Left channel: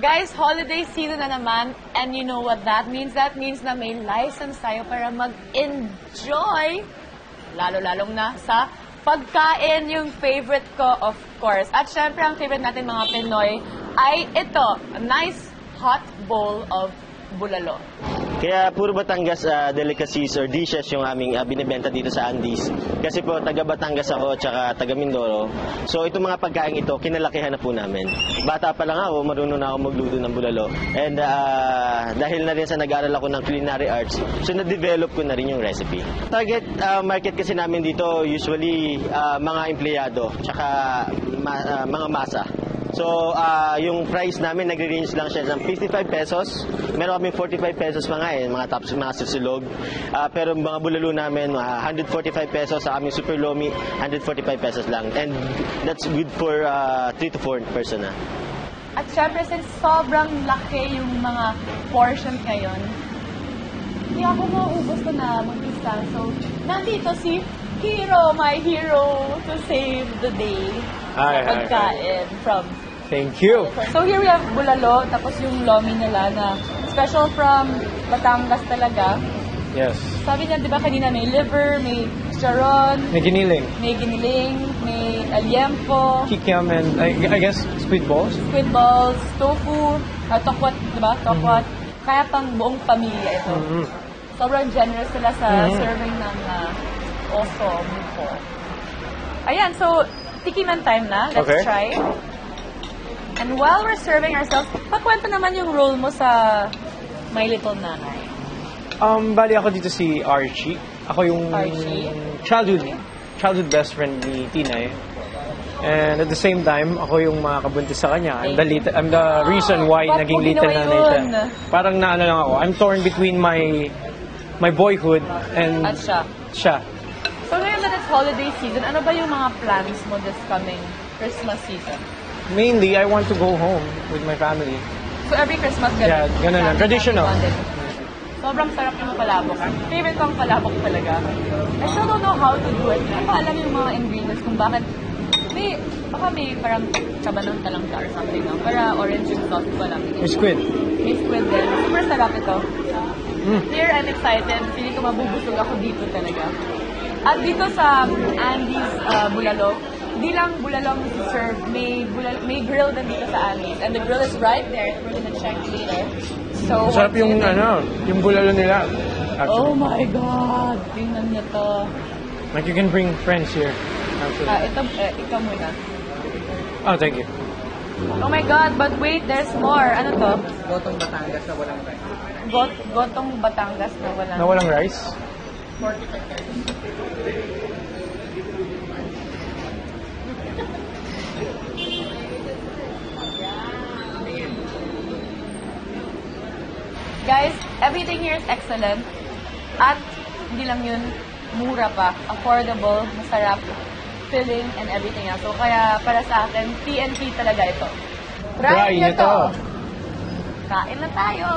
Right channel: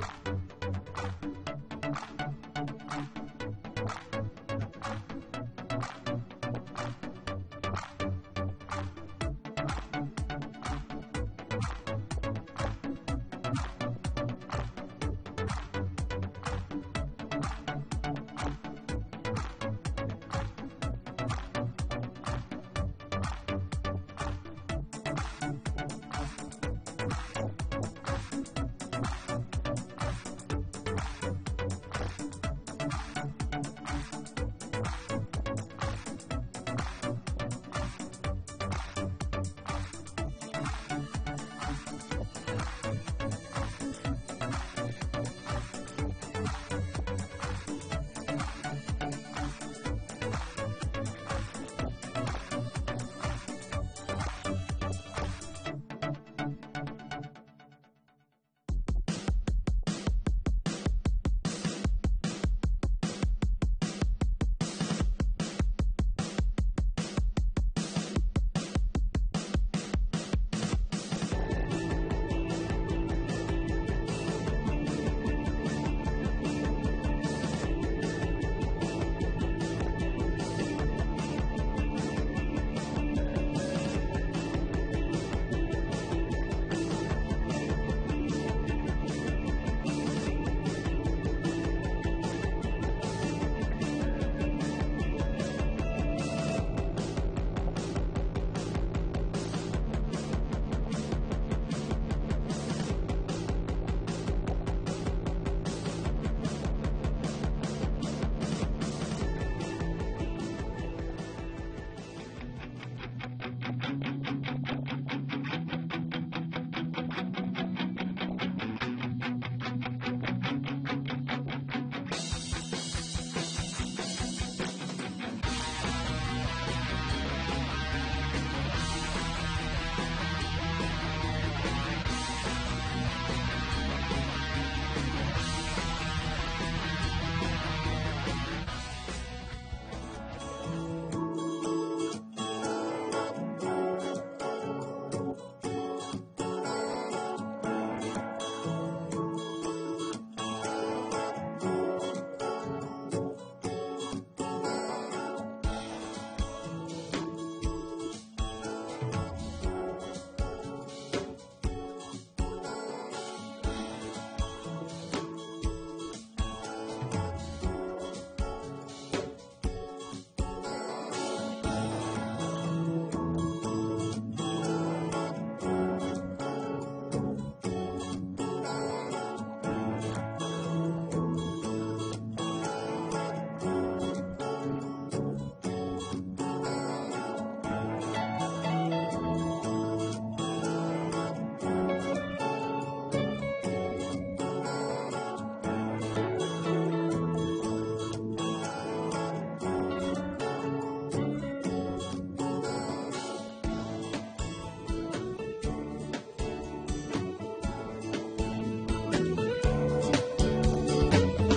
Guys, holiday season na naman, and you know what that means? That means na may license tayo para mag-enjoy, lalo-lalong na sa pagkain, yung favorite ko, of course. At syempre, ang favorite natin mga Pinoy ay ito, a nice hot bowl of bulalo. Kaya puro Batangas delicacies or dishes yung aming binibenta dito sa Andes. Kasi po, taga Batangas ako, tsaka taga Mindoro. So itong mga pagkain ito, kinalakihan na po namin. Bata pa lang ako, marunong na ako magluto ng bulalo. And dahil na rin sa nag-aaral ako ng culinary arts, so na-develop ko na rin yung recipe. Target market kasi namin dito, usually mga empleyado, tsaka mga masa. So, yung price namin, nagre-range lang siya ng 55 pesos. Meron kami 45 pesos mga tops, mga susulog. Pero mga bulalo namin, 145 pesos. Sa aming super lomi, 145 pesos lang. And that's good for 3 to 4 person na. At syempre, since sobrang laki yung mga portions ngayon, hindi ako mauubos ko na mag-isa. So, nandito si Hero, my hero, to save the day sa pagkain from... Thank you. So here we have bulalo, tapos yung lomi nila na special from Batangas talaga. Yes. Sabi niya, di ba kanina may liver, may charon, May giniling. may aliempo, Kikiam and I guess squid balls. squid balls, tofu, tokwat, di ba? Tokwat. Kaya pang buong pamilya ito. Sobrang generous sila sa serving ng oso before. Ayan, so tikiman time na. Let's try. And while we're serving ourselves, pakwento naman yung role mo sa My Little Nanay. Bali ako dito si Archie. Ako yung Archie? childhood best friend ni Tinay. And at the same time, ako yung makakabuntis sa kanya. I'm the reason why Ba't naging mo Little ginawa Nanay yun? siya. Parang naano lang ako. I'm torn between my boyhood and At siya. So ngayon that it's holiday season, ano ba yung mga plans mo this coming Christmas season? Mainly, I want to go home with my family. So every Christmas, Yeah, ganun lang. Traditional. Sobrang sarap yung palabok. Favorite ko ang palabok talaga. I still don't know how to do it. Hindi ko alam yung mga ingredients kung bakit. Baka may parang kabanong talangka or something lang. Para orange yung sauce ko lang. May squid. May squid din. Super sarap ito. Here, I'm excited. Hindi ko mabubusog ako dito talaga. At dito sa Andes Bulalo, hindi lang bulalong serve, may grill din dito sa Andes. And the grill is right there. We're gonna check later. So, Masarap yung yung bulalo nila. Actually. Oh my God! Tingnan niyo to. Like you can bring friends here. Ito muna. Oh, thank you. Oh my God, but wait, there's more. Ano to? Gotong Batangas na walang rice. Gotong Batangas na walang... Na walang rice? Pork chicken. Guys, everything here is excellent. At hindi lang yun, mura pa, affordable, masarap, filling, and everything else. So kaya para sa akin, TNT talaga ito. Try nyo to! Kain na tayo!